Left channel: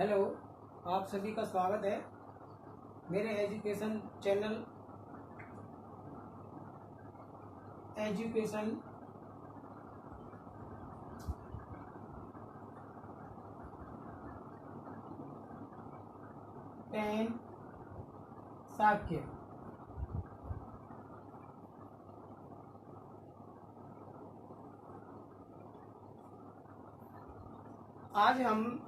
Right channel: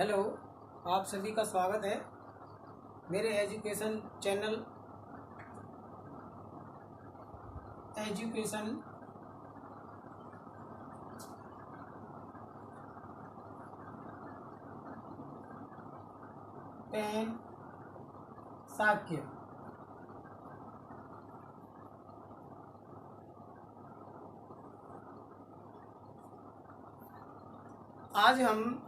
Hello, आप सभी का स्वागत है मेरे education channel education pen Sakya. आज हम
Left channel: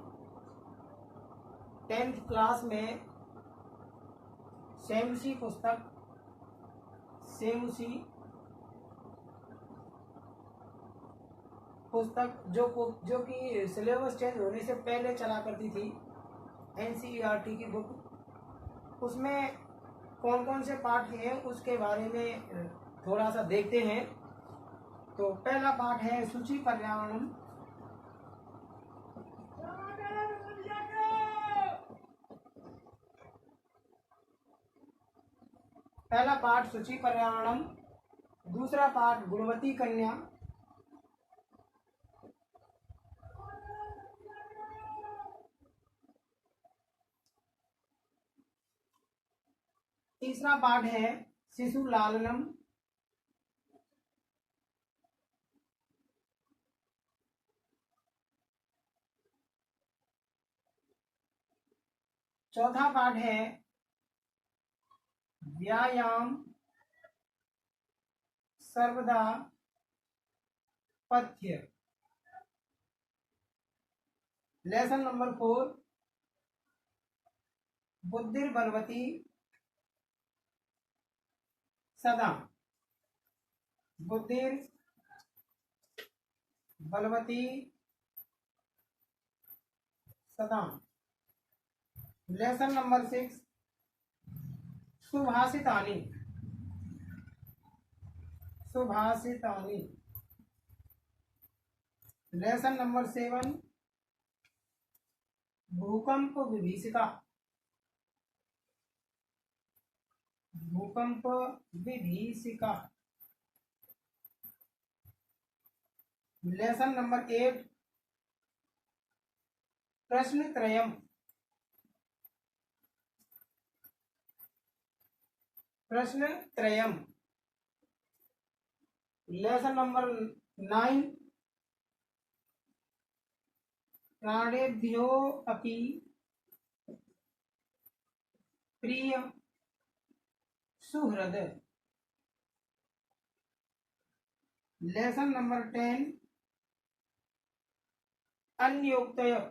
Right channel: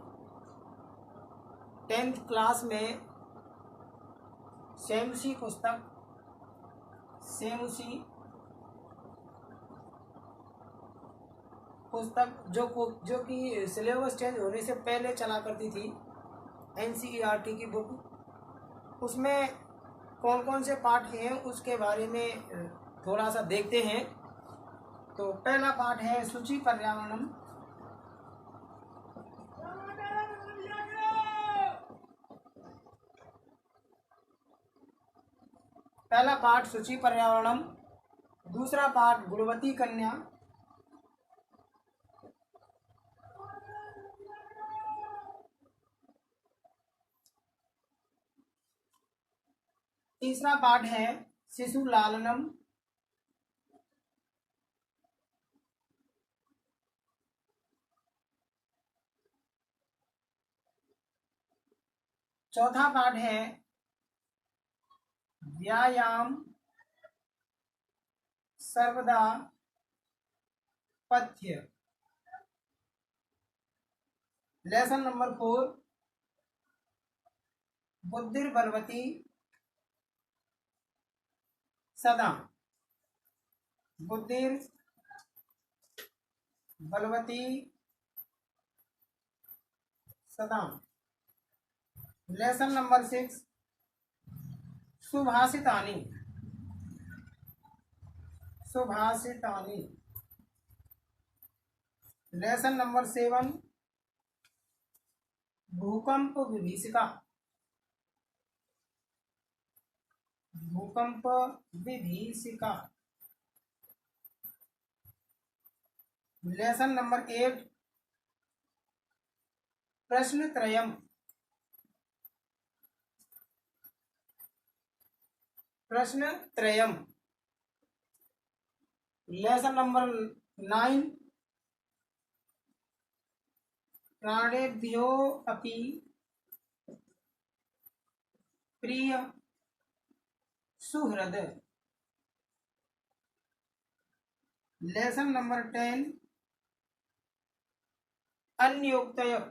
10th क्लास में सेमसी पुस्तक जो कि सिलेबस चेंज होने से पहले चला करती थी, NCERT की बुक, उसमें कौन कौन से पाठ हैं उसके बारे में थोड़ा सा देखते हैं। तो पहला पाठ है सूची पर्यावरणम। पहला पाठ सूची पर्यावरणम, दूसरा पाठ गुणवती कन्या, तीसरा पाठ है शिशु लालनम, चौथा पाठ है व्यायाम सर्वदा पथ्य। लेसन नंबर 4 बुद्धिर्बलवती सदा। बुद्धिर्बलवती सदा। लेसन नंबर 6 सुभाषितानि। लेसन नंबर 7 भूकंप विभीषिका। लेसन नंबर 8 प्रश्नत्रयम्। लेसन नंबर 9 प्राणेभ्यो अपि प्रिय सुहृद। लेसन नंबर 10 अन्योक्तयः।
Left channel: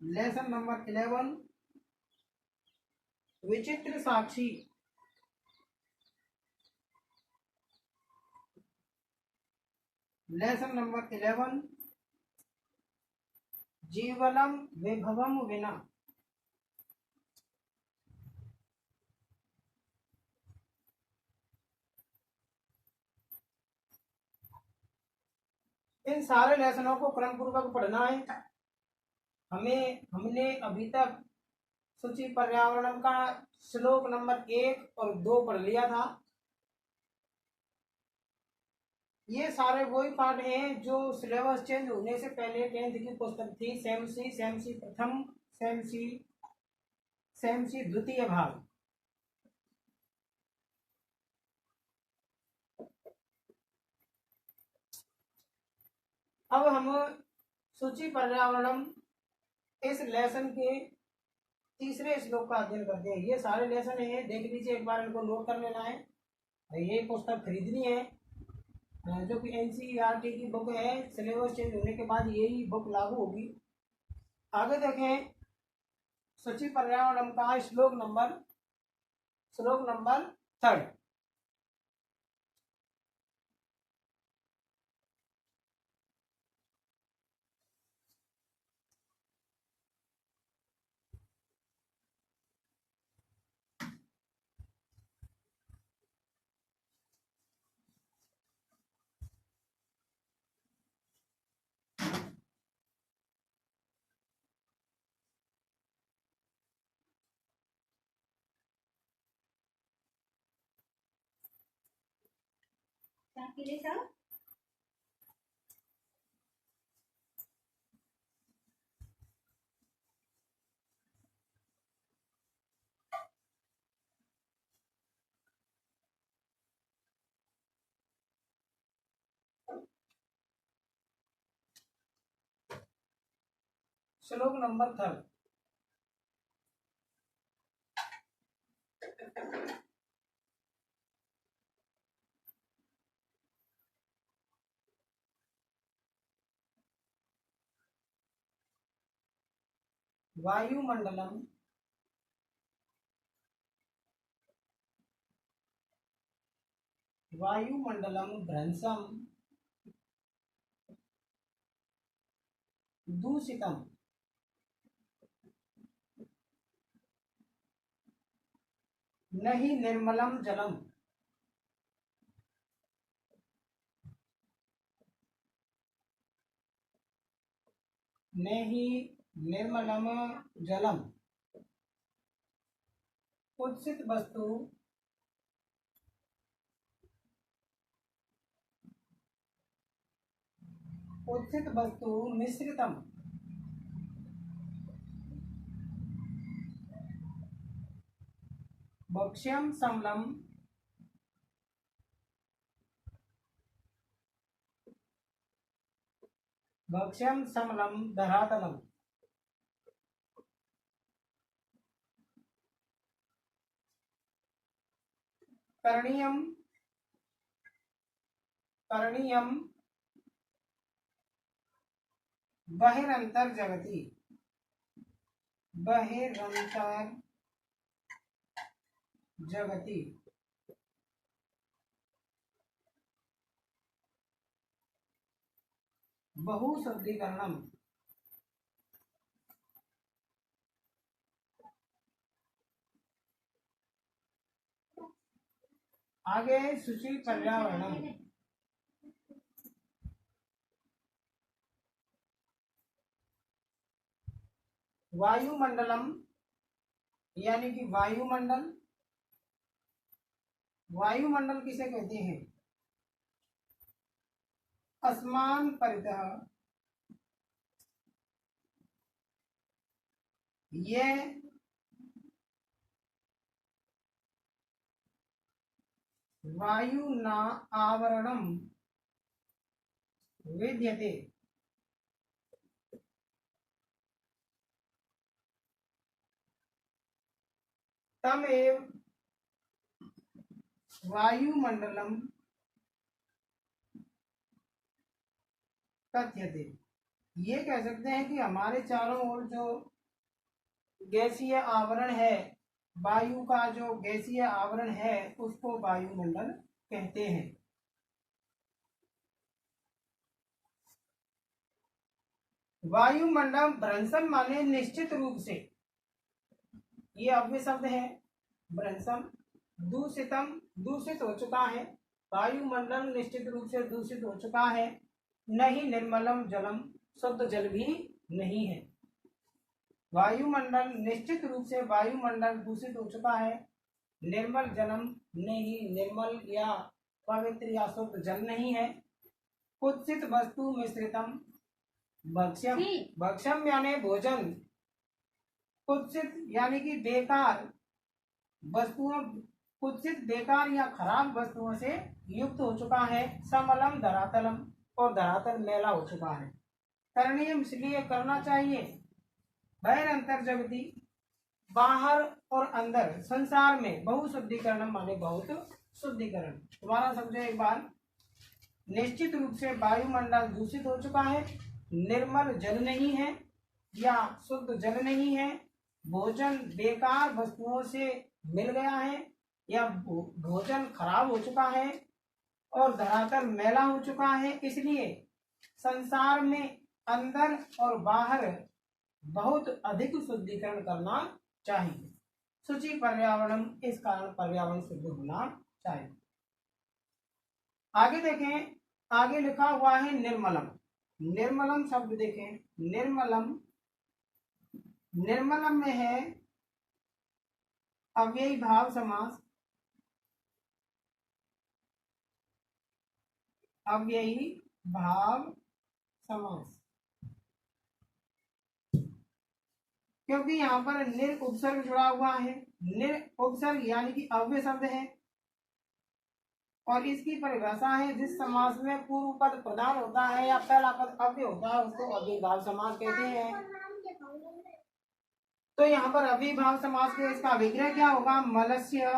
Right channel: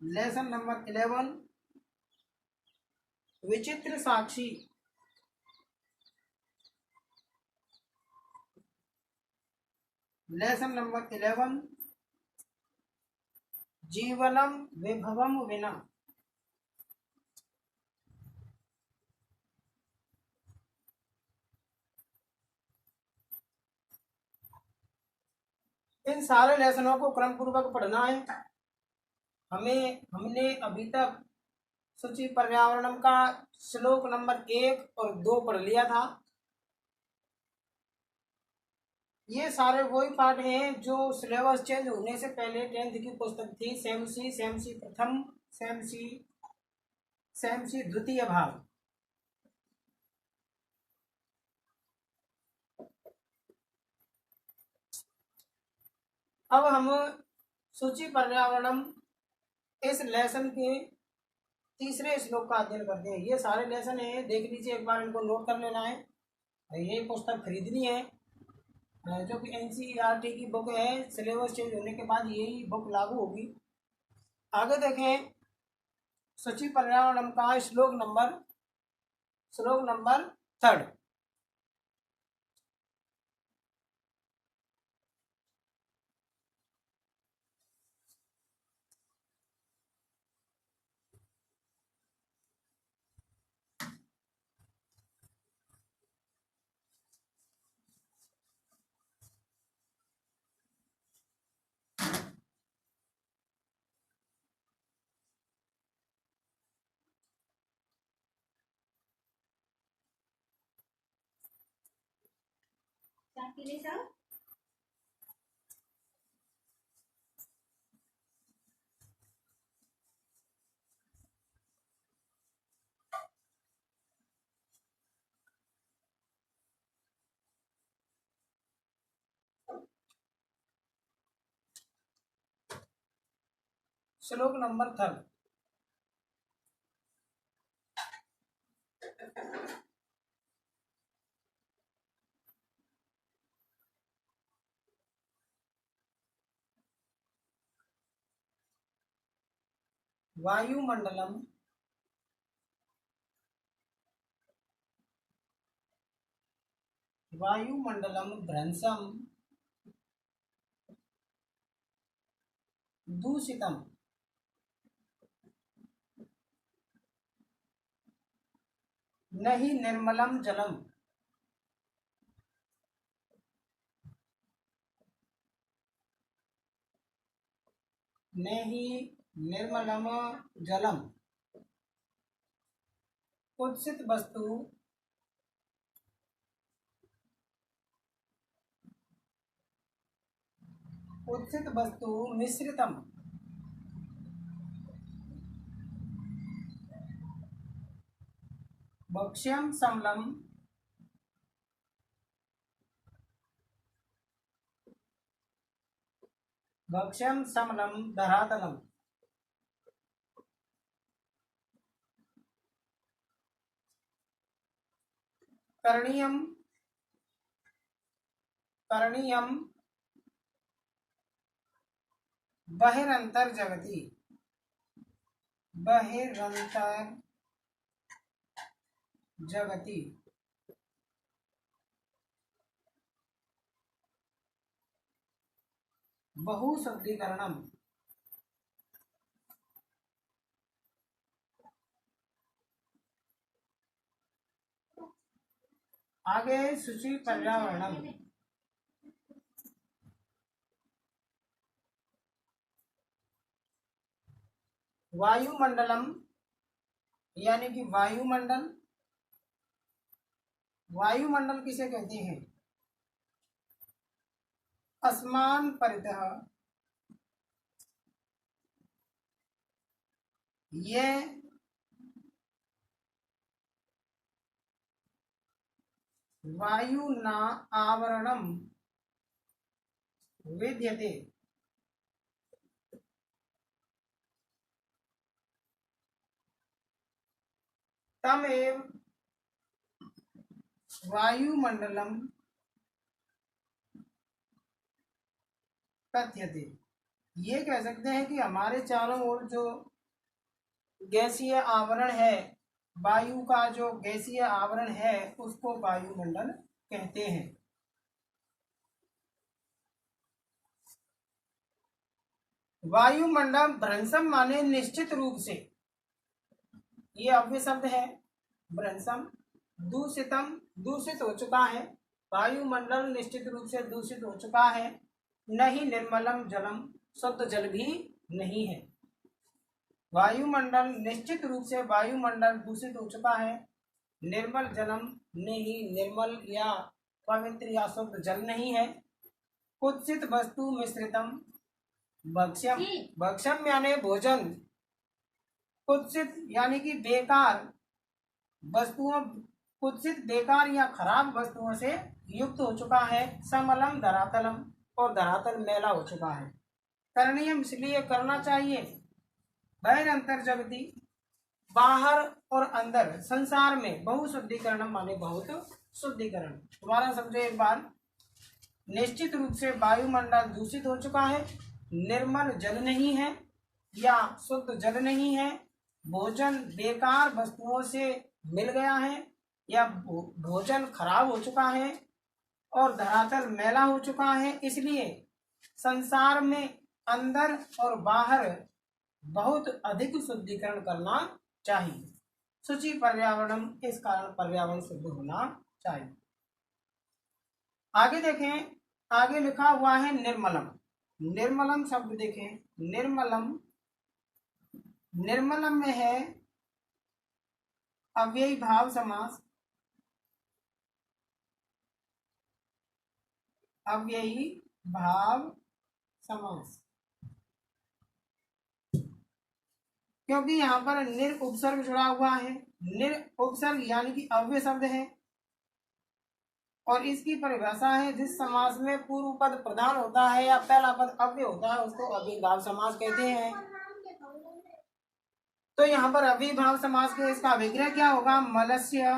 लेसन नंबर 11 विचित्र साक्षी। लेसन नंबर 11 जीवनम विभवम विना। इन सारे लेसनों को क्रम पूर्वक पढ़ना है। हमने अभी तक सूची पर्यावरणम का श्लोक नंबर 1 और 2 पढ़ लिया था। ये सारे वही पाठ हैं जो सिलेबस चेंज होने से पहले 10th की पुस्तक थी। सेमसी प्रथम, सेमसी द्वितीय भाग। अब हम सूची पर्यावरणम इस लेसन के तीसरे श्लोक का अध्ययन करते हैं। ये सारे लेसन हैं, देख लीजिए, एक बार इनको नोट कर लेना है। ये पुस्तक खरीदनी है, जो कि NCERT की बुक है। सिलेबस चेंज होने के बाद यही बुक लागू होगी। आगे देखें सूची पर्यावरणम का श्लोक नंबर 3। श्लोक नंबर 3। वायुमंडलम भ्रंशम दूषितम नहीं निर्मलम जलम। नहीं निर्मलम जलम। कुत्सित वस्तु मिश्रितम भक्ष्यम समलम धरातलम। करणीयम बहिरंतर जगति बहुशब्दीकरणम। आगे शुचि पर्यावरणम। वायुमंडलम यानी कि वायुमंडल किसे कहते हैं? आसमान परितः ये वायुना आवरणम विद्यते। तमेव वायुमंडलम कथ्यते। ये कह सकते हैं कि हमारे चारों ओर जो गैसीय आवरण है, वायु का जो गैसीय आवरण है, उसको वायुमंडल कहते हैं। वायुमंडल भ्रंशम माने निश्चित रूप से, ये अव्यय शब्द है। भ्रंशम दूषितम दूषित हो चुका है। वायुमंडल निश्चित रूप से दूषित हो चुका है। नहीं निर्मलम जलम शुद्ध जल भी नहीं है। वायुमंडल निश्चित रूप से वायुमंडल दूषित हो चुका है। निर्मल जलम नहीं, निर्मल या पवित्र या शुद्ध जल नहीं है। कुत्सित वस्तु मिश्रितम भक्ष्यम यानी भोजन, कुत्सित यानी कि बेकार वस्तुओं, कुत्सित बेकार या खराब वस्तुओं से युक्त हो चुका है। समलम धरातलम और धरातल मैला हो चुका है। करणीय इसलिए करना चाहिए। बहिरंतर जगति बाहर और अंदर संसार में बहुशुद्धिकरण माने बहुत शुद्धिकरण। दोबारा समझो एक बार। निश्चित रूप से वायुमंडल दूषित हो चुका है। निर्मल जल नहीं है या शुद्ध जल नहीं है। भोजन बेकार वस्तुओं से मिल गया है या भोजन खराब हो चुका है और धरातल मैला हो चुका है। इसलिए संसार में अंदर और बाहर बहुत अधिक शुद्धिकरण करना चाहिए। शुचि पर्यावरण, इस कारण पर्यावरण शुद्ध होना चाहिए। आगे देखें, आगे लिखा हुआ है निर्मलम। निर्मलम शब्द देखें, निर्मलम में है अव्ययी भाव समास। अव्ययी भाव समास, क्योंकि यहाँ पर निर उपसर्ग जुड़ा हुआ है। निर उपसर्ग यानी कि अव्यय शब्द है और इसकी परिभाषा है जिस समास में पूर्व पद प्रधान होता है या पहला पद अव्यय होता है उसको अव्ययी भाव समास कहते हैं। तो यहाँ पर अविभाव समास के इसका विग्रह क्या होगा? मलस्य,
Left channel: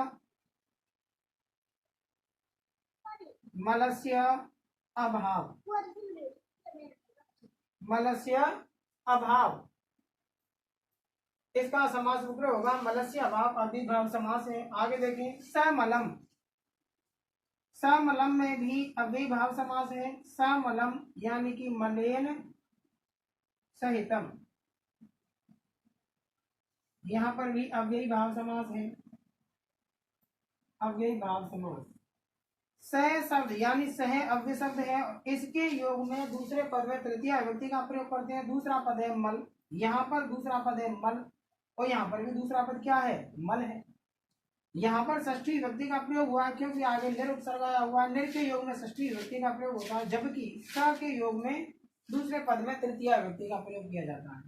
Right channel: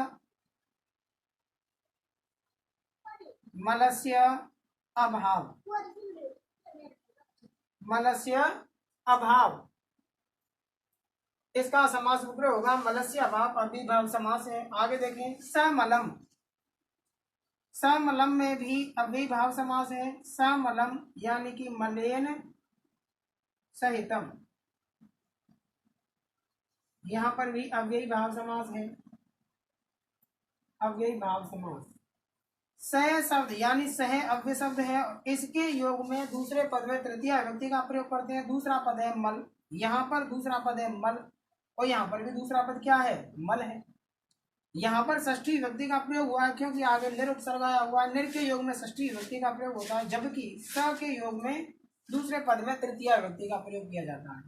मलस्य अभाव, मलस्य अभाव, इसका समास विग्रह होगा मलस्य अभाव, अविभाव समास है। आगे देखें समलम, समलम में भी अविभाव समास है। समलम यानी कि मलेन सहितम, यहाँ पर भी अव्ययी भाव समास है, अव्ययी भाव समास। सह शब्द यानी सह अव्यय शब्द है, इसके योग में दूसरे पद में तृतीय विभक्ति का प्रयोग करते हैं। दूसरा पद है मल, यहाँ पर दूसरा पद है मल, और यहाँ पर भी दूसरा पद क्या है? मल है। यहाँ पर षष्ठी विभक्ति का प्रयोग हुआ है क्योंकि आगे निर उपसर्ग आया हुआ है। निर के योग में षष्ठी विभक्ति का प्रयोग होता है, जबकि स के योग में दूसरे पद में तृतीय विभक्ति का प्रयोग किया जाता है।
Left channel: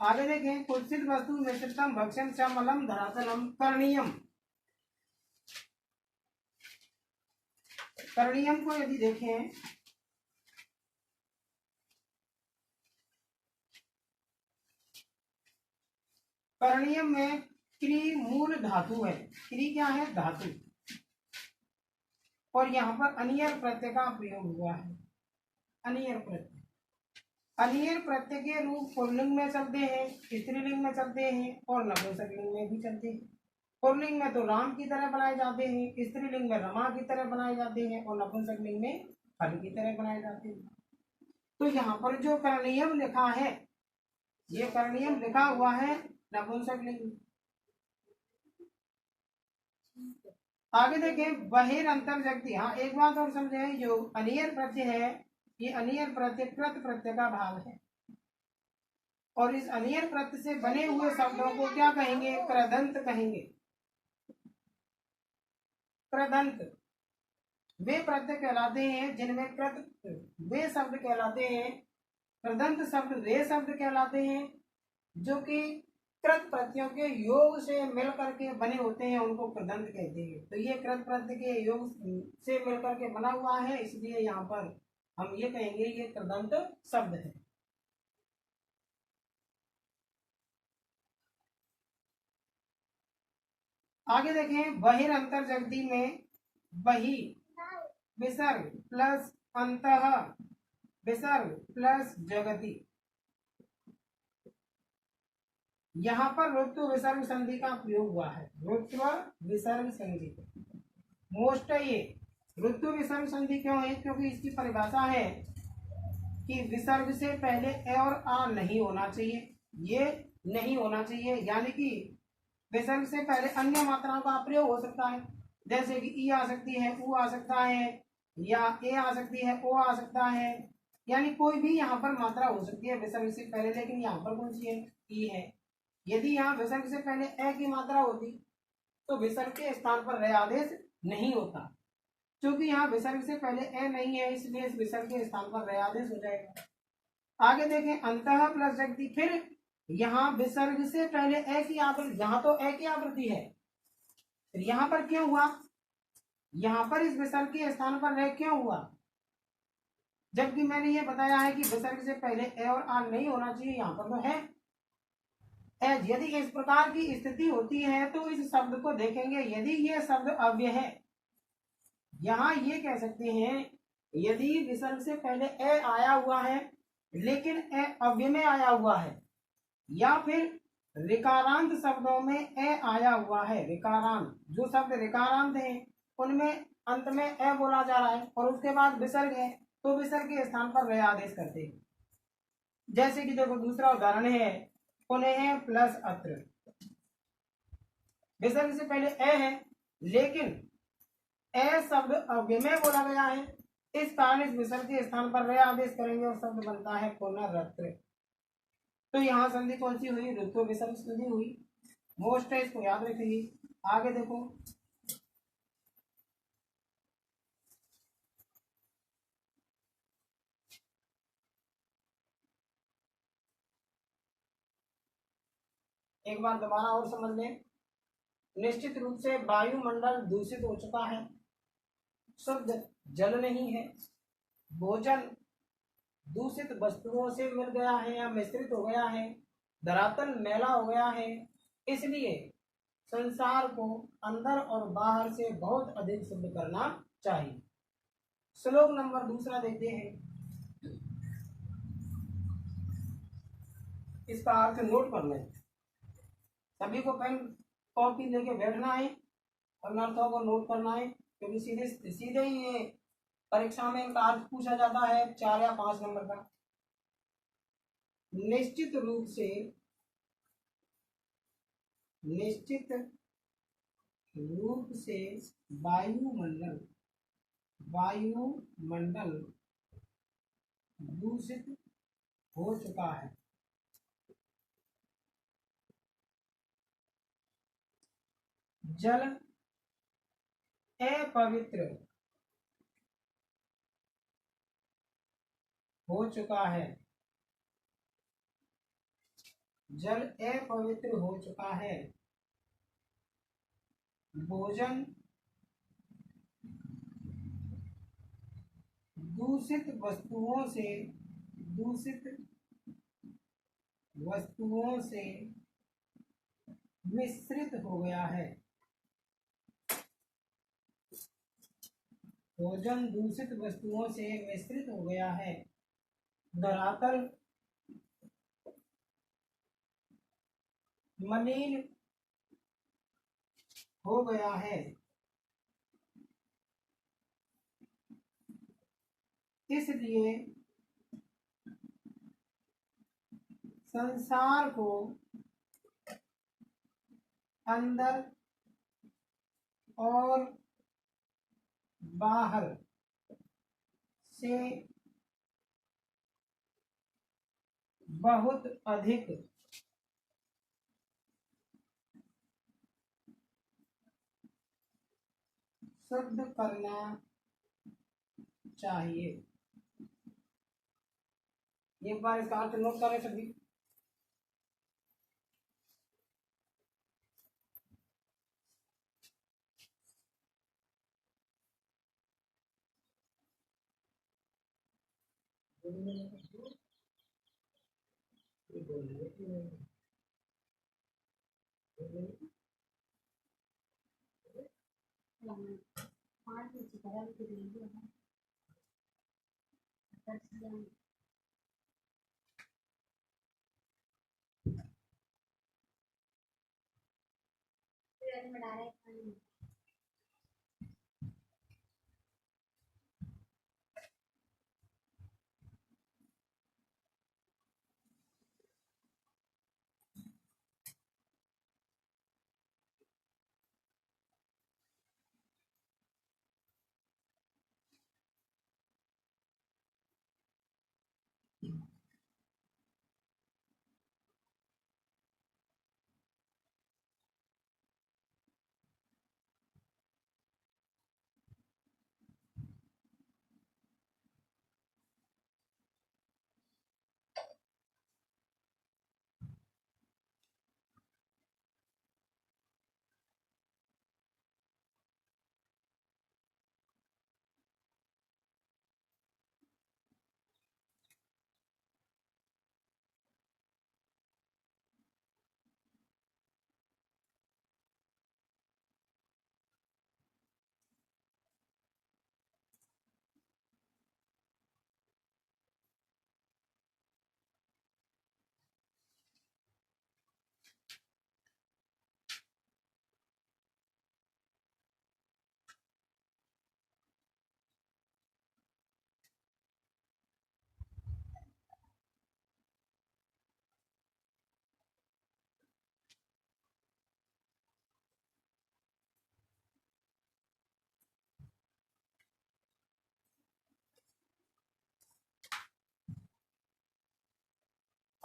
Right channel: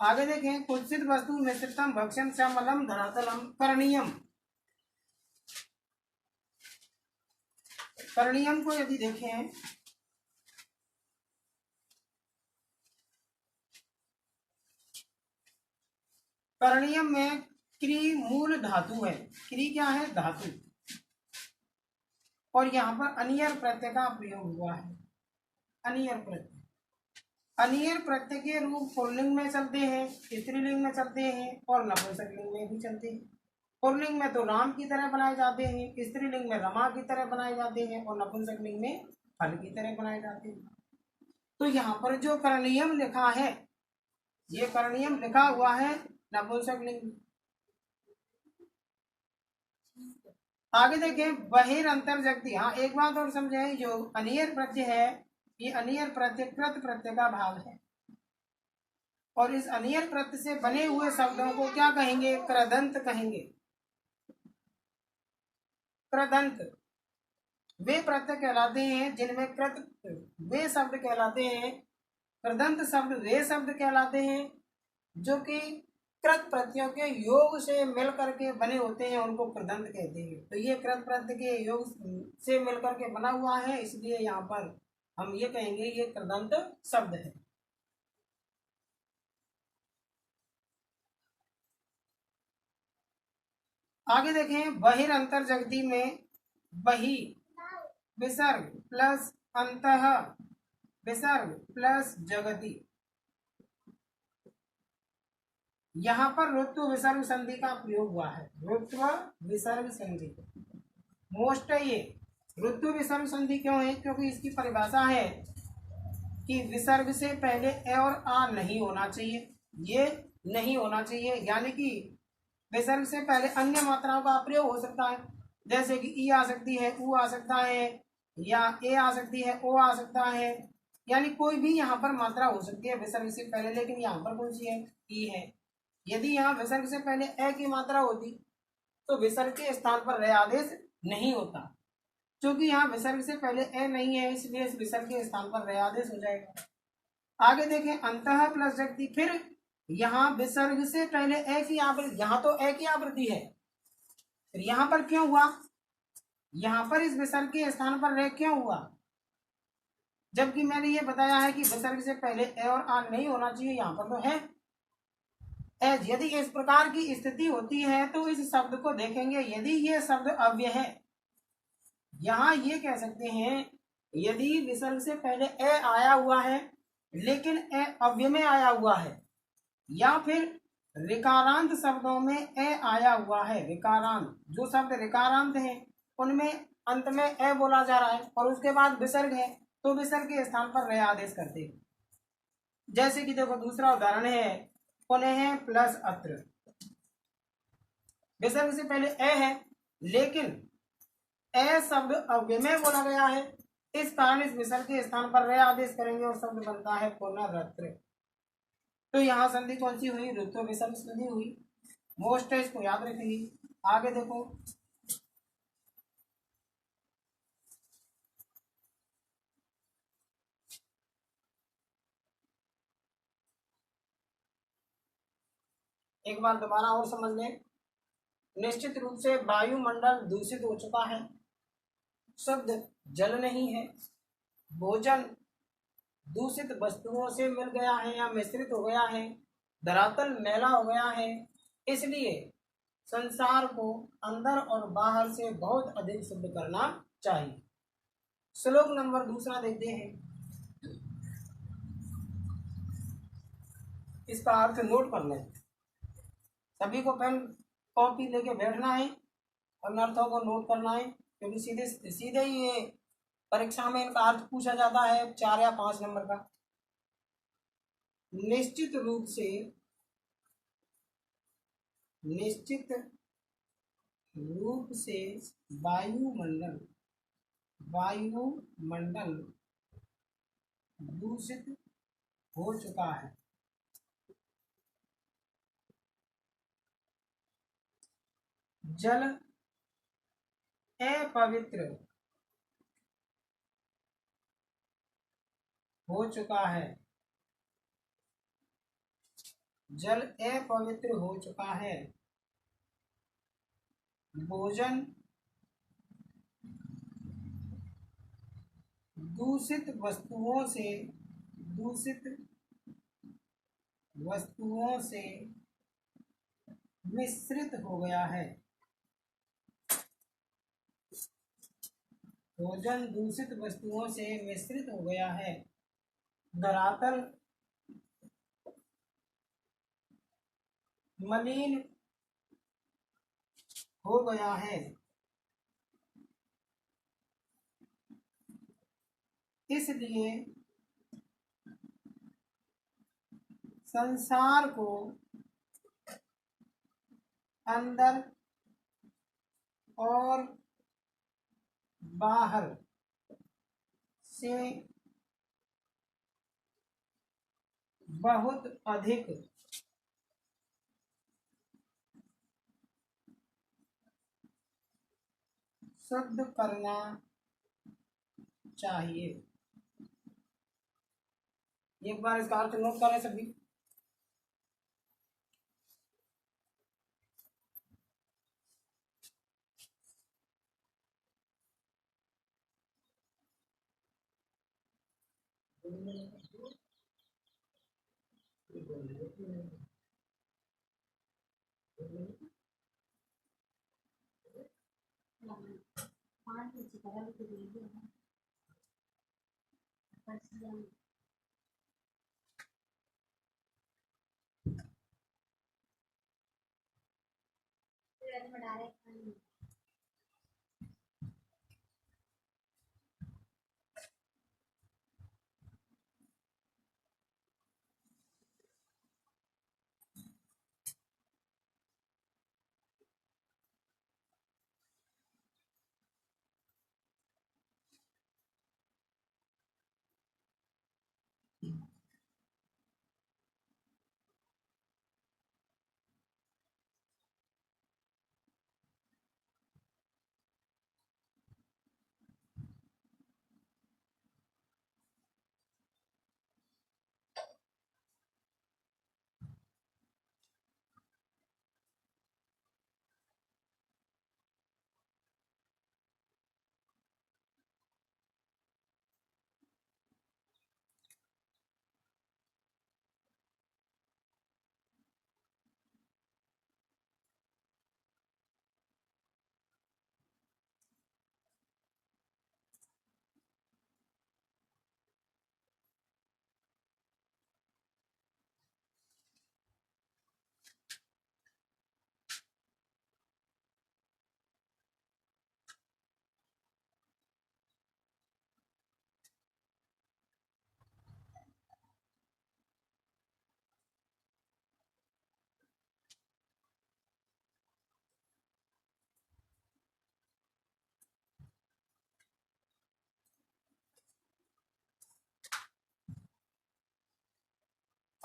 आगे देखें कुत्सित वस्तु मिश्रितम भक्षण समलम धरातलम करणीयम। करणीयम को यदि देखें करणीयम में क्री मूल धातु है। क्री क्या है? धातु। और यहाँ पर अनियर प्रत्यय का प्रयोग हुआ है। अनियर प्रत्यय, अनियर प्रत्यय के रूप पुल्लिंग में चलते हैं, स्त्रीलिंग में चलते हैं और नपुंसकलिंग में भी चलते हैं। पुल्लिंग में तो राम की तरह बनाए जाते हैं, स्त्रीलिंग में रमा की तरह बनाए जाते हैं और नपुंसकलिंग में फल की तरह बनाए जाते हैं। तो यहाँ पर जो करणीयम लिखा है, ये करणीयम लिखा हुआ है नपुंसकलिंग। आगे देखें बहिरंतर जगती। हाँ, एक बात और समझे, जो अनियर प्रत्यय है ये अनियर प्रत्यय कृत प्रत्यय का भाव है, और इस अनियर प्रत्यय से बने हुए शब्दों को क्या कहेंगे? कृदंत कहेंगे। कृदंत वे प्रत्यय कहलाते हैं जिनमें कृत, वे शब्द कहलाते हैं, कृदंत शब्द वे शब्द कहलाते हैं जो कि कृत प्रत्ययों के योग से मिल करके बने होते हैं, उनको कृदंत कहते हैं। तो ये कृत प्रत्यय के योग से मिल करके बना हुआ है, इसलिए यहाँ पर हम ये कहेंगे ये कृदंत शब्द है। आगे देखें बहिरंतर जगती में बहि विसर्ग प्लस अंतः विसर्ग प्लस जगति, यहाँ पर ऋत्व विसर्ग संधि का प्रयोग हुआ है। ऋत्व विसर्ग संधि, मोस्ट ये ऋत्व विसर्ग संधि क्यों है? क्योंकि इसकी परिभाषा है कि विसर्ग से पहले ए और आ नहीं होना चाहिए, ये नहीं होना चाहिए, यानी कि विसर्ग से पहले अन्य मात्राओं का प्रयोग हो सकता है, जैसे कि ई आ सकती है, ऊ आ सकता है, या ए आ सकती है, ओ आ सकता है, यानी कोई भी यहाँ पर मात्रा हो सकती है विसर्ग से पहले। लेकिन यहाँ पर कौन सी है? ई है। यदि यहाँ विसर्ग से पहले ए की मात्रा होती तो विसर्ग के स्थान पर रे आदेश नहीं होता। क्योंकि यहाँ विसर्ग से पहले ए नहीं है, इसलिए इस विसर्ग के स्थान पर रे आदेश हो जाएगा। आगे देखें अंतः प्लस जगती, फिर यहाँ विसर्ग से पहले ए की आवृत्ति, यहाँ तो ए की आवृत्ति है, फिर यहाँ पर क्यों हुआ? यहाँ पर इस विसर्ग के स्थान पर रे क्यों हुआ? जबकि मैंने ये बताया है कि विसर्ग से पहले ए और आ नहीं होना चाहिए, यहाँ पर तो है। यदि इस प्रकार की स्थिति होती है तो इस शब्द को देखेंगे, यदि ये शब्द अव्यय है, यहाँ ये कह सकते हैं यदि विसर्ग से पहले ए आया हुआ है लेकिन ए अव्यय में आया हुआ है, या फिर ऋकारांत शब्दों में ए आया हुआ है। ऋकारांत, जो शब्द ऋकारांत है उनमें अंत में ए बोला जा रहा है और उसके बाद विसर्ग है, तो विसर्ग के स्थान पर रे आदेश करते हैं। जैसे कि देखो दूसरा उदाहरण है पुनः प्लस अत्र, विसर्ग से पहले ए है लेकिन ए शब्द अव्यय में बोला गया है, इस कारण इस विसर्ग के स्थान पर रे आदेश करेंगे और शब्द बनता है पुनरत्र। तो यहाँ संधि कौन सी हुई? ऋत्व विसर्ग संधि हुई। मोस्ट है, इसको याद रखिए। आगे देखो एक बार दोबारा और समझ लें। निश्चित रूप से वायुमंडल दूषित हो चुका है, शुद्ध जल नहीं है, भोजन दूषित वस्तुओं से मिल गया है या मिश्रित हो गया है, धरातल मैला हो गया है, इसलिए संसार को अंदर और बाहर से बहुत अधिक शुद्ध करना चाहिए। श्लोक नंबर दूसरा देखते हैं। इसका अर्थ नोट करना है, सभी को पेन कॉपी लेके बैठना है और अर्थों को नोट करना है, क्योंकि सीधे सीधे ही ये परीक्षा में इनका अर्थ पूछा जाता है 4 या 5 नंबर का। निश्चित रूप से वायुमंडल दूषित हो चुका है। जल अपवित्र हो चुका है। जल अपवित्र हो चुका है। भोजन दूषित वस्तुओं से मिश्रित हो गया है। भोजन दूषित वस्तुओं से मिश्रित हो गया है। धरातल मलिन हो गया है। इसलिए संसार को अंदर और बाहर से बहुत अधिक शुद्ध करना चाहिए। एक बार इसका अर्थ नोट करें सभी।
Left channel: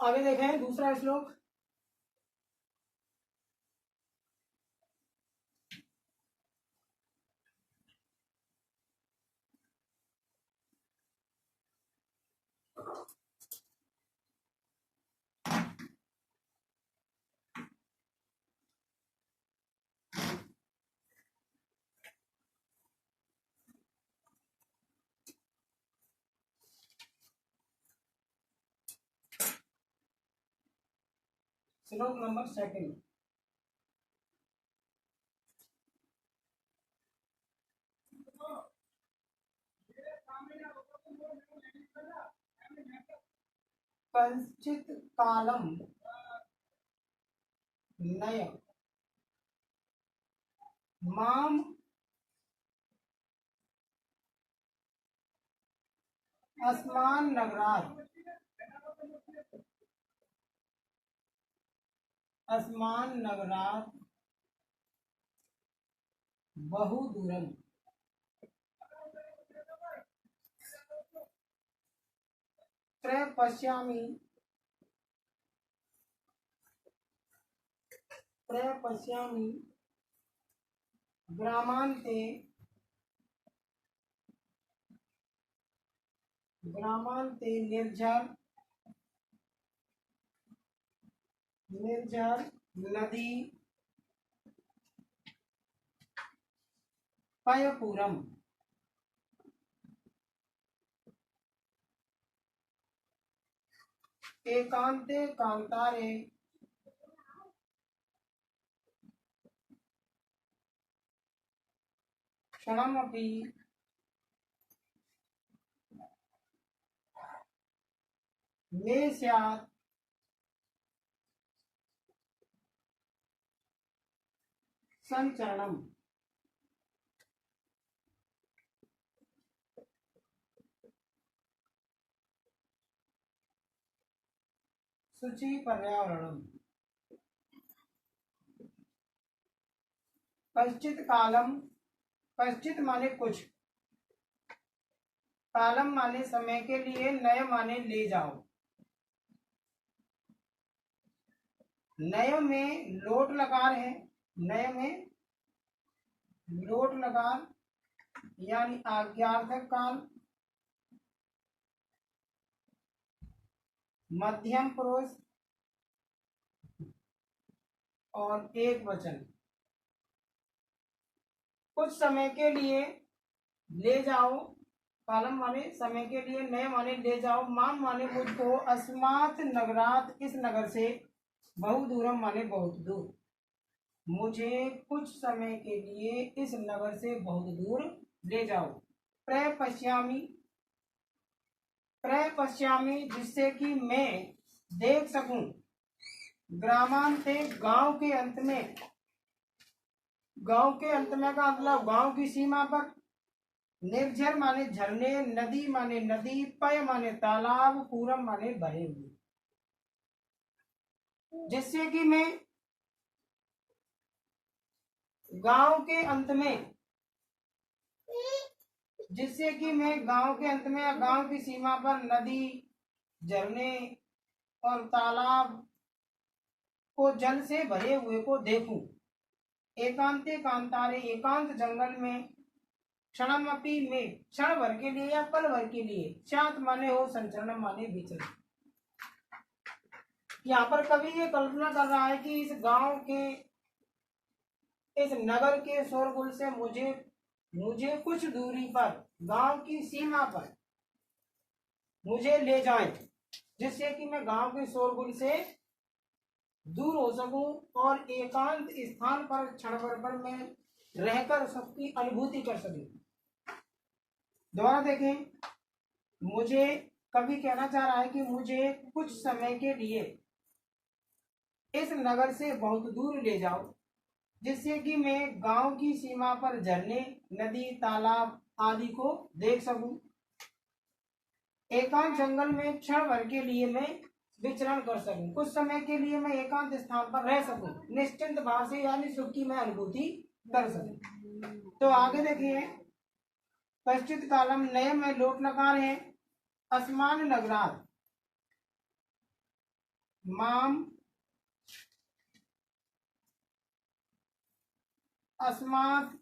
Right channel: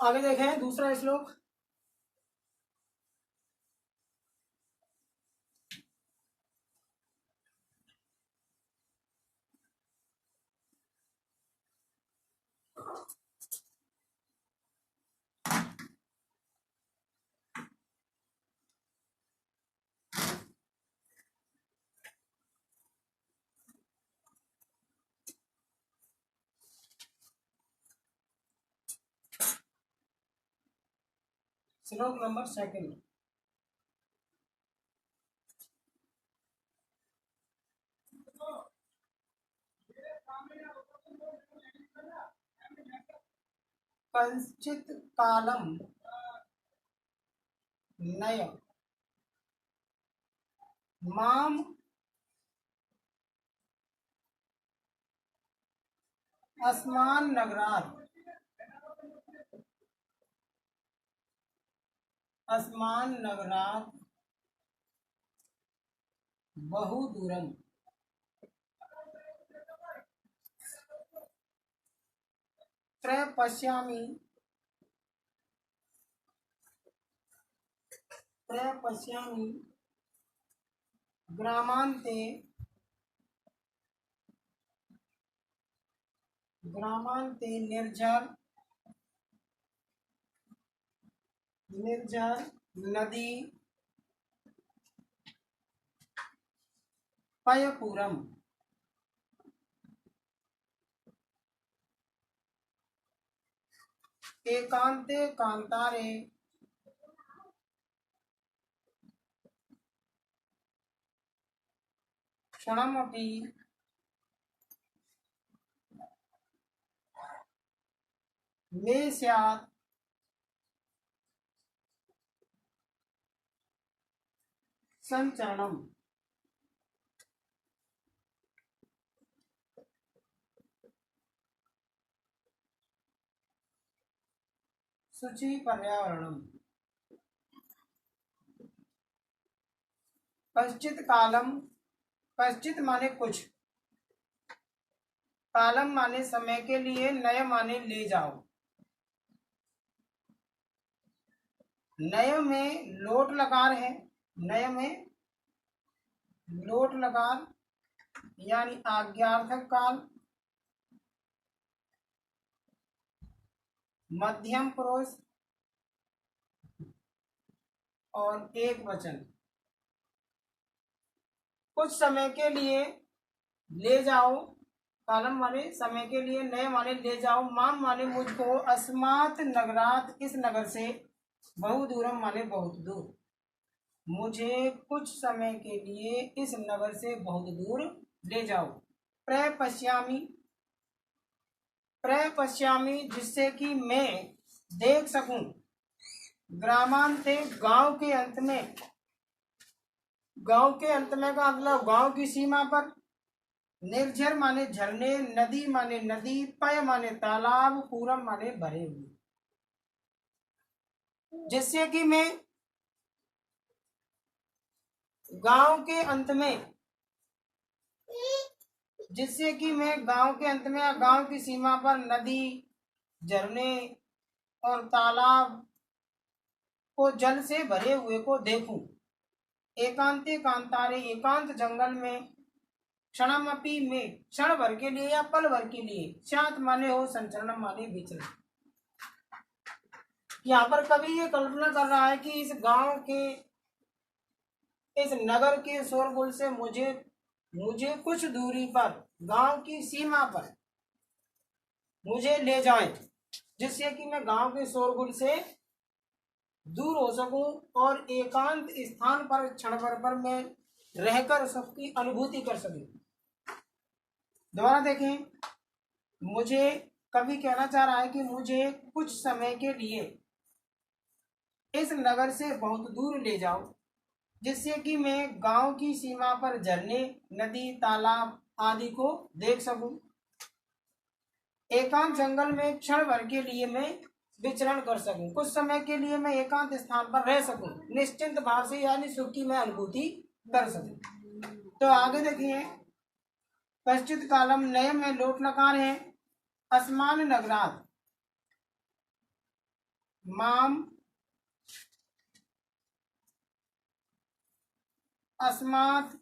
आगे देखें दूसरा श्लोक। श्लोक नंबर 2। कंचित कालम नय माम अस्मान नगरात बहु दूरम प्रपश्यामि ग्रामांते निर्झर नदी पयपुरम एकांते कांतारे क्षणमपि मे स्यात् संचरणम। शुचि पर्यावरणम। पश्चित कालम, पश्चित माने कुछ, कालम माने समय के लिए, नय माने ले जाओ। नय में लोट लकार है, नय में लोट लकार यानी आज्ञार्थक काल, मध्यम पुरुष और एक वचन। कुछ समय के लिए ले जाओ, कालम माने समय के लिए, नए माने ले जाओ, माम माने मुझको, अस्मात् नगरात इस नगर से, बहु दूरम माने बहुत दूर, मुझे कुछ समय के लिए इस नगर से बहुत दूर ले जाओ। प्रपश्यामि जिससे कि मैं देख सकूं, ग्रामांते गांव के अंत में, गांव के अंत में का मतलब गांव की सीमा पर, निर्झर माने झरने, नदी माने नदी, पय माने तालाब, पूरम माने भरे हुए, जिससे कि मैं गांव के अंत में, जिससे कि मैं गांव के अंत में या गांव की सीमा पर नदी, झरने और तालाब को जल से भरे हुए को देखूं। एकांते कांतारे एकांत जंगल में, क्षणमपि में क्षण भर के लिए या पल भर के लिए, शांत माने हो, संचरण माने विचरण। यहाँ पर कवि ये कल्पना कर रहा है कि इस गांव के, इस नगर के शोरगुल से मुझे कुछ दूरी पर, गांव की सीमा पर मुझे ले जाएं, जिससे कि मैं गांव के शोरगुल से दूर हो सकूं और एकांत स्थान पर क्षण भर पर मैं रहकर सबकी अनुभूति कर सकूं। दोबारा देखें, मुझे कवि कहना चाह रहा है कि मुझे कुछ समय के लिए इस नगर से बहुत दूर ले जाओ, जिससे कि मैं गांव की सीमा पर झरने, नदी, तालाब आदि को देख सकूं। एकांत जंगल में क्षण भर के लिए मैं विचरण कर सकूं, कुछ समय के लिए मैं एकांत स्थान पर रह सकूं, निश्चिंत भाव से यानी सुख की मैं अनुभूति कर सकूं। तो आगे देखिए, पश्चित कालम नय में लोट लकार है, अस्मान नगरात माम अस्मात्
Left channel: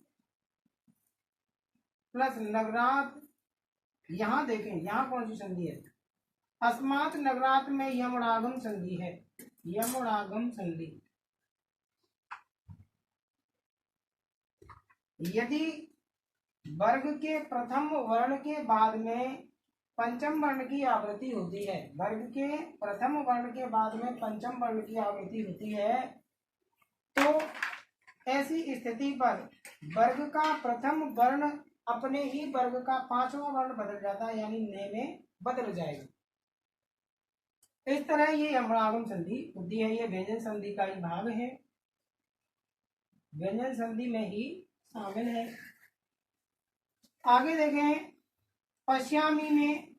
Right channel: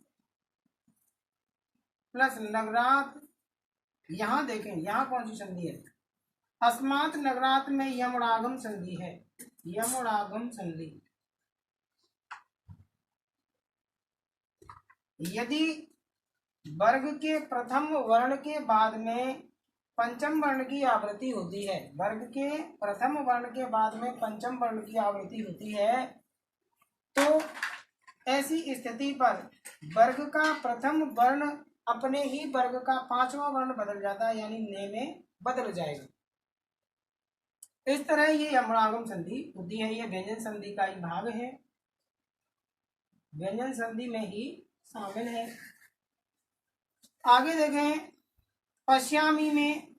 प्लस नगरात, यहां देखें यहां कौन सी संधि है, अस्मात् नगरात में यमुनागम संधि है, यमुनागम संधि। यदि वर्ग के प्रथम वर्ण के बाद में पंचम वर्ण की आवृत्ति होती है। वर्ग के प्रथम वर्ण के बाद में पंचम वर्ण की आवृत्ति होती है, तो ऐसी स्थिति पर वर्ग का प्रथम वर्ण अपने ही वर्ग का पांचवा वर्ण बदल जाता है, यानी ने में बदल जाएगा। इस तरह ये यमरागम संधि होती है। ये व्यंजन संधि का ही भाग है, व्यंजन संधि में ही शामिल है। आगे देखें, पश्यामी में,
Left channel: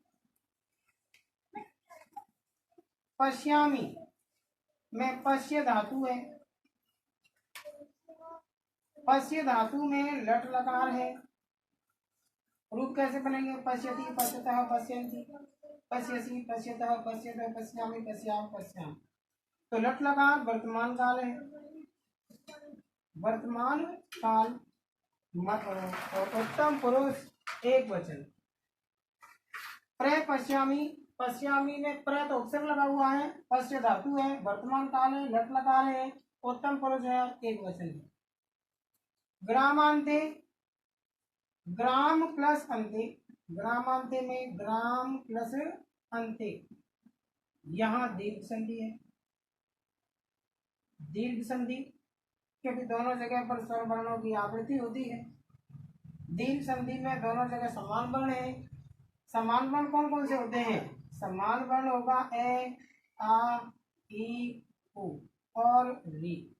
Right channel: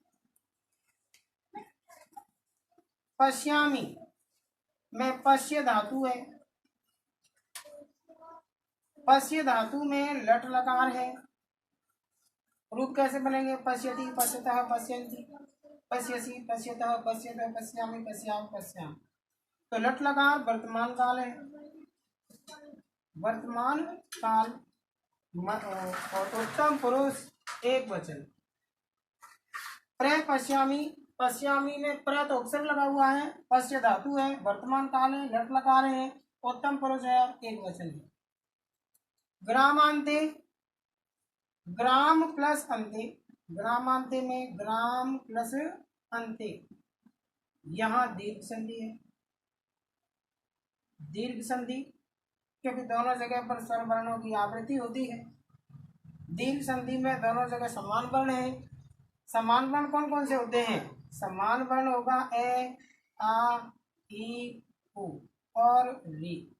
पश्यामी में पश्य धातु है। पश्य धातु में लट लकार है। रूप कैसे बनेंगे? पश्यति, पश्यतः, पश्यन्ति, पश्यसि, पश्यतः, पश्यतः, पश्यामि, पश्याम, पश्याम। तो लट लकार वर्तमान काल है। वर्तमान काल और उत्तम पुरुष एक वचन। प्र पश्यामी, पश्यामी में प्र तो अक्षर लगा हुआ है, पश्य धातु है, वर्तमान काल है, लट लकार है, उत्तम पुरुष है, एक वचन है। ग्रामांते, ग्राम प्लस अंते, ग्रामांते में ग्राम प्लस अंते, यहाँ दीर्घ संधि है। दीर्घ संधि क्योंकि दोनों जगह पर स्वर वर्णों की आवृत्ति होती है। दीर्घ संधि में दोनों जगह समान वर्ण है। समान वर्ण कौन कौन से होते हैं? समान वर्ण होगा ए, आ, ई, उ और री।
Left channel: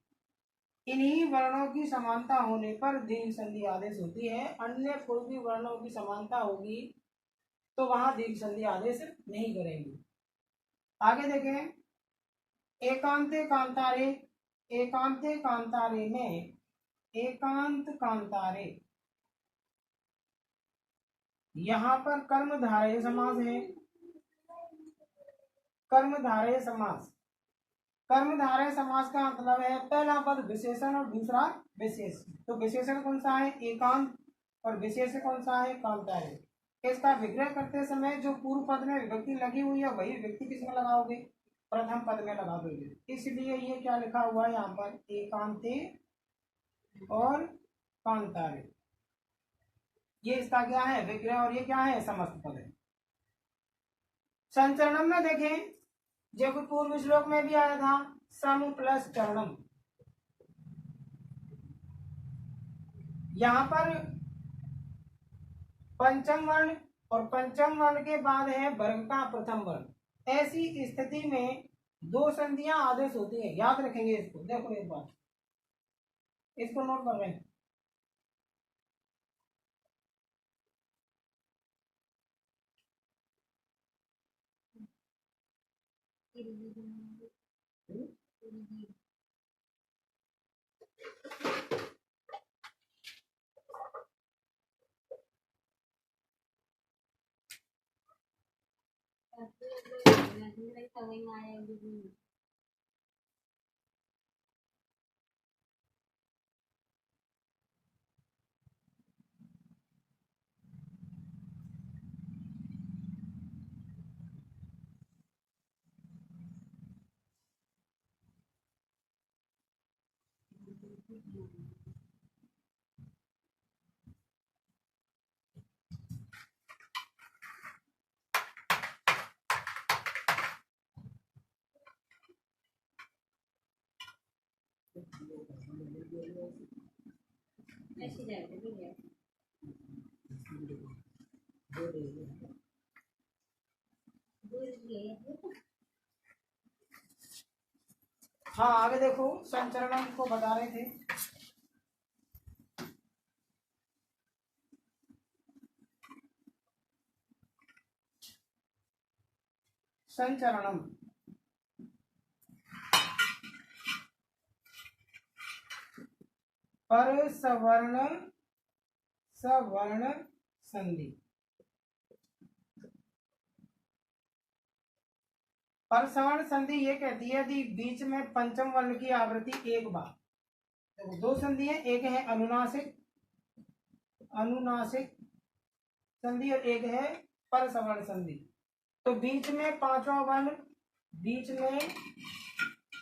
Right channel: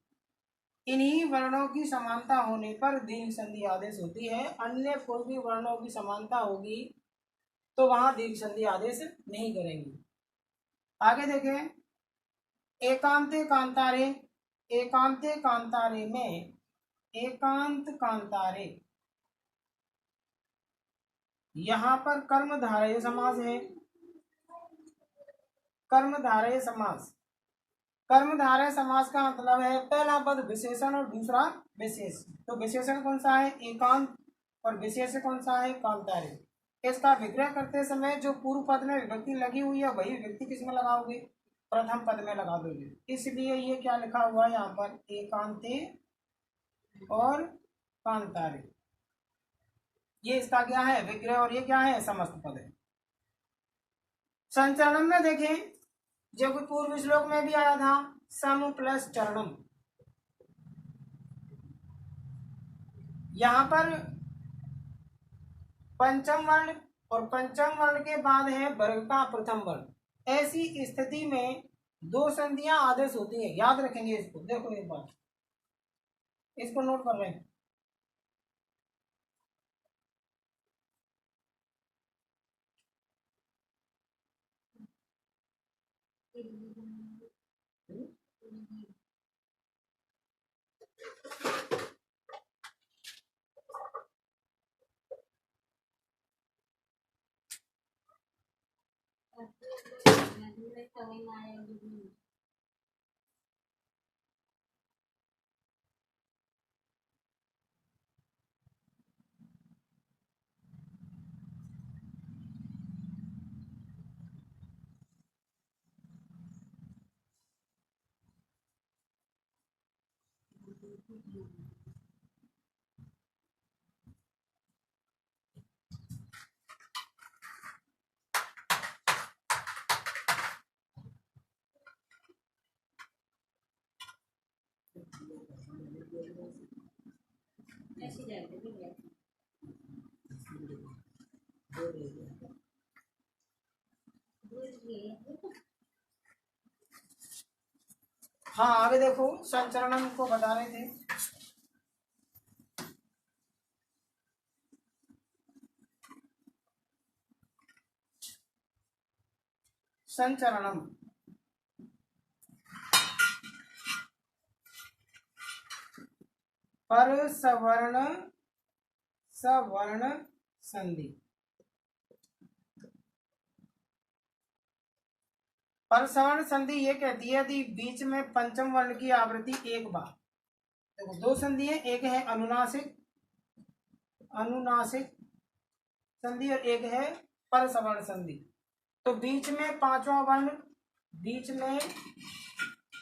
इन्हीं वर्णों की समानता होने पर दीर्घ संधि आदेश होती है। अन्य कोई भी वर्णों की समानता होगी तो वहां दीर्घ संधि आदेश नहीं करेंगे। आगे देखें, एकांते कांतारे, एकांते कांतारे में एकांत कांतारे, यहाँ पर कर्मधारय समास है। कर्मधारय समास, कर्मधारय समास का मतलब है पहला पद विशेषण और दूसरा विशेष। तो विशेषण कौन सा है? एकांत, और विशेष कौन सा है? कांतारे। इसका विग्रह करते समय जो पूर्व पद में विभक्ति लगी हुई है वही विभक्ति किसमें लगाओगे? प्रथम पद में लगा दोगे। इसलिए ये क्या लिखा हुआ है यहाँ पर? एकांते और कांतारे। ये इसका क्या है? विग्रह, और ये क्या है? समस्त पद है। संचरणम में देखें, जो कि पूर्व श्लोक में भी आया था, सम प्लस चरणम। यहाँ पर पंचम वर्ण और पंचम वर्ण के बाद है वर्ग का प्रथम वर्ण। ऐसी स्थिति में दो संधियां आदेश होती है। याद रखेंगे इसको। देखो एक बार इसको नोट कर रहे हैं। हाँ आगे देखो, संचरणम को बता रहे थे। संचरणम पर सवर्ण सवर्ण संधि। पर सवर्ण संधि ये कहती है यदि बीच में पंचम वर्ण की आवृत्ति एक बार, देखो दो संधि है, एक है अनुनासिक, अनुनासिक संधि और एक है पर सवर्ण संधि। तो बीच में पांचवा वर्ण, बीच में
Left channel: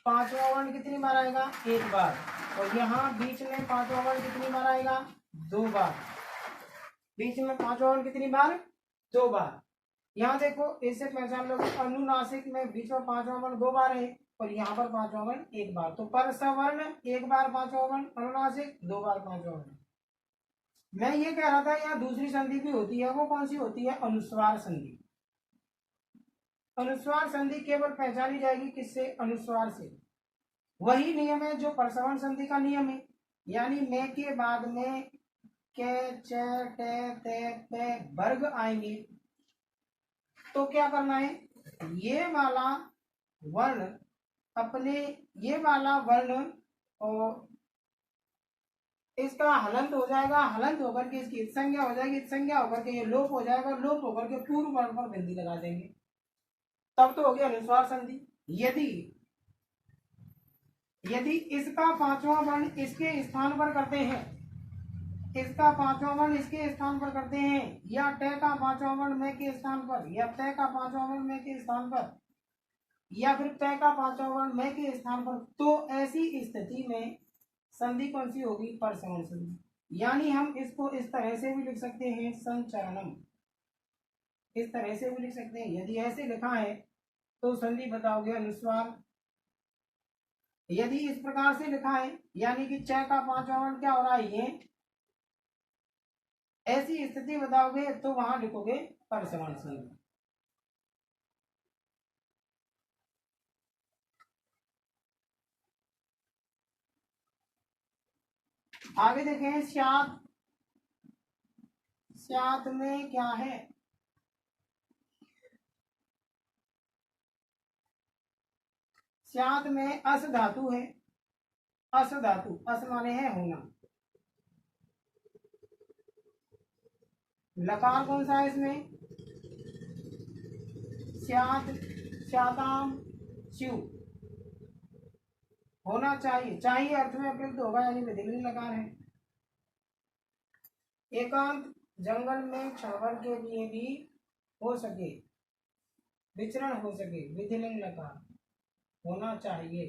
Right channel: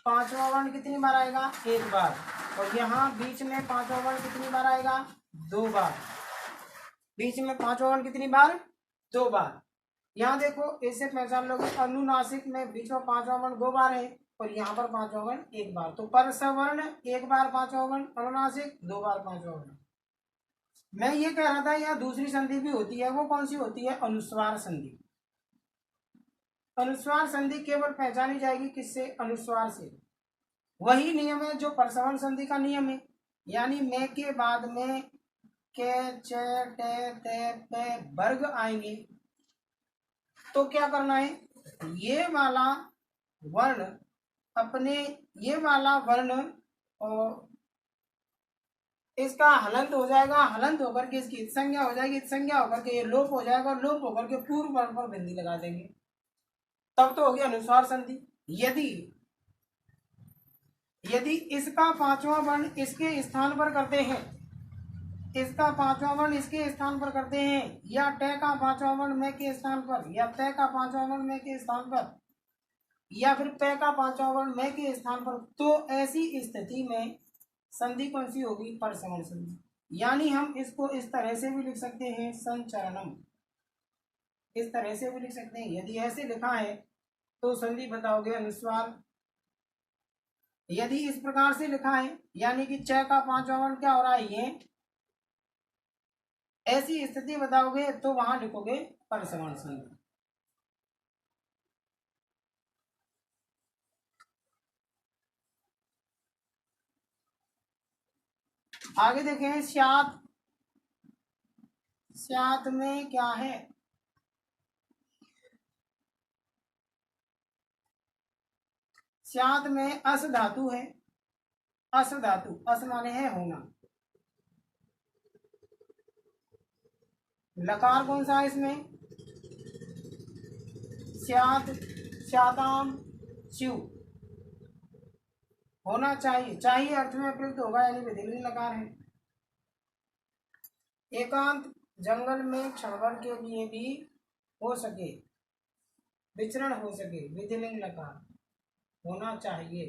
पांचवा वर्ण कितनी बार आएगा? एक बार। और यहाँ बीच में पांचवा वर्ण कितनी बार आएगा? दो बार। बीच में पांचवा वर्ण कितनी बार? दो बार। यहाँ देखो इससे पहचान लो कि अनुनासिक में बीच में पांचवा वर्ण 2 बार है और यहाँ पर पांचवा वर्ण 1 बार, तो पर सवर्ण 1 बार पांचवा वर्ण, अनुनासिक 2 बार पांचवा वर्ण। मैं ये कह रहा था यहाँ दूसरी संधि भी होती है, वो कौन सी होती है? अनुस्वार संधि। अनुस्वार संधि केवल पहचानी जाएगी किससे? अनुस्वार से। वही नियम है जो परसवर्ण संधि का नियम है, यानी मैं के बाद में के च टे ते पे वर्ग आएंगे तो क्या करना है? ये वाला वर्ण अपने, ये वाला वर्ण और इसका हलंत हो जाएगा, हलंत होकर के इसकी संज्ञा हो जाएगी, संज्ञा होकर के ये लोप हो जाएगा, लोप होकर के पूर्व वर्ण पर बिंदी लगा देंगे, तब तो हो गया अनुस्वार संधि। यदि यदि इसका पांचवा वर्ण इसके स्थान पर करते हैं, इसका पांचवा वर्ण इसके स्थान पर करते हैं, या टे का पांचवा वर्ण मैं के स्थान पर, या ते का पांचवा वर्ण मैं के स्थान पर, या फिर पे का पांचवा वर्ण मैं के स्थान पर, तो ऐसी स्थिति में संधि कौन सी होगी? परसवर्ण संधि। यानी हम इसको इस तरह से भी लिख सकते हैं संचरणम, इस तरह से भी लिख सकते हैं। यदि ऐसे लिखा है तो संधि बताओगे अनुस्वार। यदि इस प्रकार से लिखा है यानी कि च का पांचवा वर्ण क्या हो रहा है? ये, ऐसी स्थिति बताओगे तो वहां लिखोगे परसवर्ण संधि। आगे देखें स्यात, स्यात में क्या है? स्यात में अस धातु है, अस धातु, अस माने है होना। लकार कौन सा है इसमें? स्यात, स्याताम, स्यु होना चाहिए, चाहिए अर्थ में प्रयुक्त होगा यानी विधिलिंग लकार है। एकांत जंगल में क्षणभर के लिए भी हो सके, विचरण हो सके, विधिलिंग लकार होना चाहिए,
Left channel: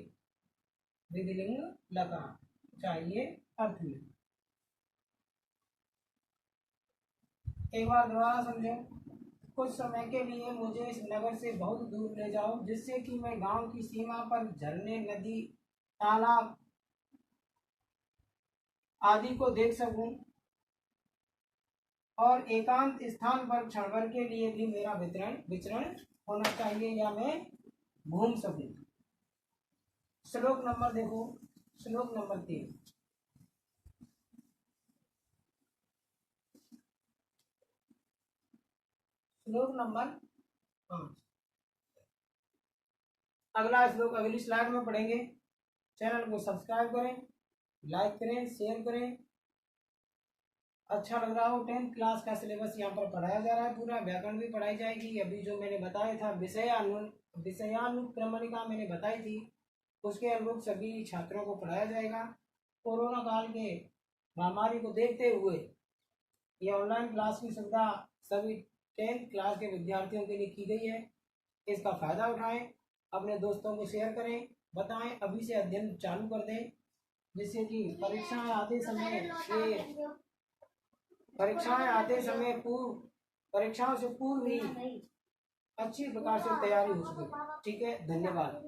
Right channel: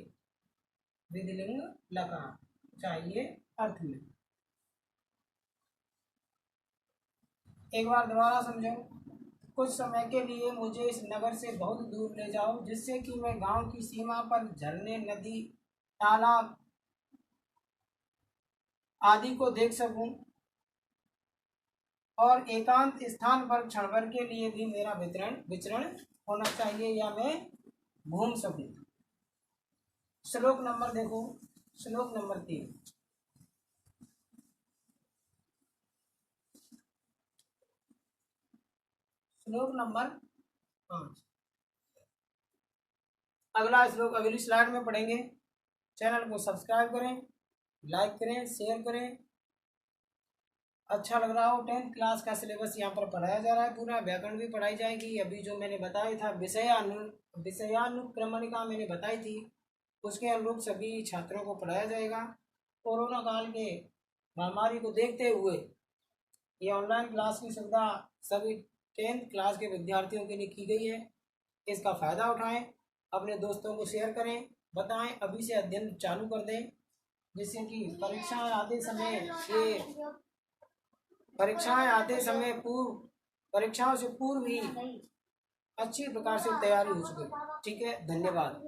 विधिलिंग लकार चाहिए अर्थ में। एक बार दोबारा समझो। कुछ समय के लिए मुझे इस नगर से बहुत दूर ले जाओ जिससे कि मैं गांव की सीमा पर झरने, नदी, तालाब आदि को देख सकूं और एकांत स्थान पर क्षणभर के लिए भी मेरा विचरण होना चाहिए या मैं घूम सकूं। श्लोक नंबर देखो, श्लोक नंबर 3। श्लोक नंबर 5। अगला श्लोक अगली स्लाइड में पढ़ेंगे। चैनल को सब्सक्राइब करें, लाइक करें, शेयर करें। अच्छा लग रहा हो, 10th क्लास का सिलेबस यहाँ पर पढ़ाया जा रहा है, पूरा व्याकरण भी पढ़ाई जाएगी। अभी जो मैंने बताया था विषयानुक्रमणिका मैंने बताई थी, उसके अनुरूप सभी छात्रों को पढ़ाया जाएगा। कोरोना काल के महामारी को देखते हुए ये ऑनलाइन क्लास की सुविधा सभी 10th क्लास के विद्यार्थियों के लिए की गई है। इसका फ़ायदा उठाएं, अपने दोस्तों को शेयर करें, बताएं, अभी से अध्ययन चालू कर दें, जिससे कि परीक्षाएं आते समय परीक्षाओं से पूर्व ही अच्छी प्रकार से तैयारी हो सके। ठीक है, धन्यवाद।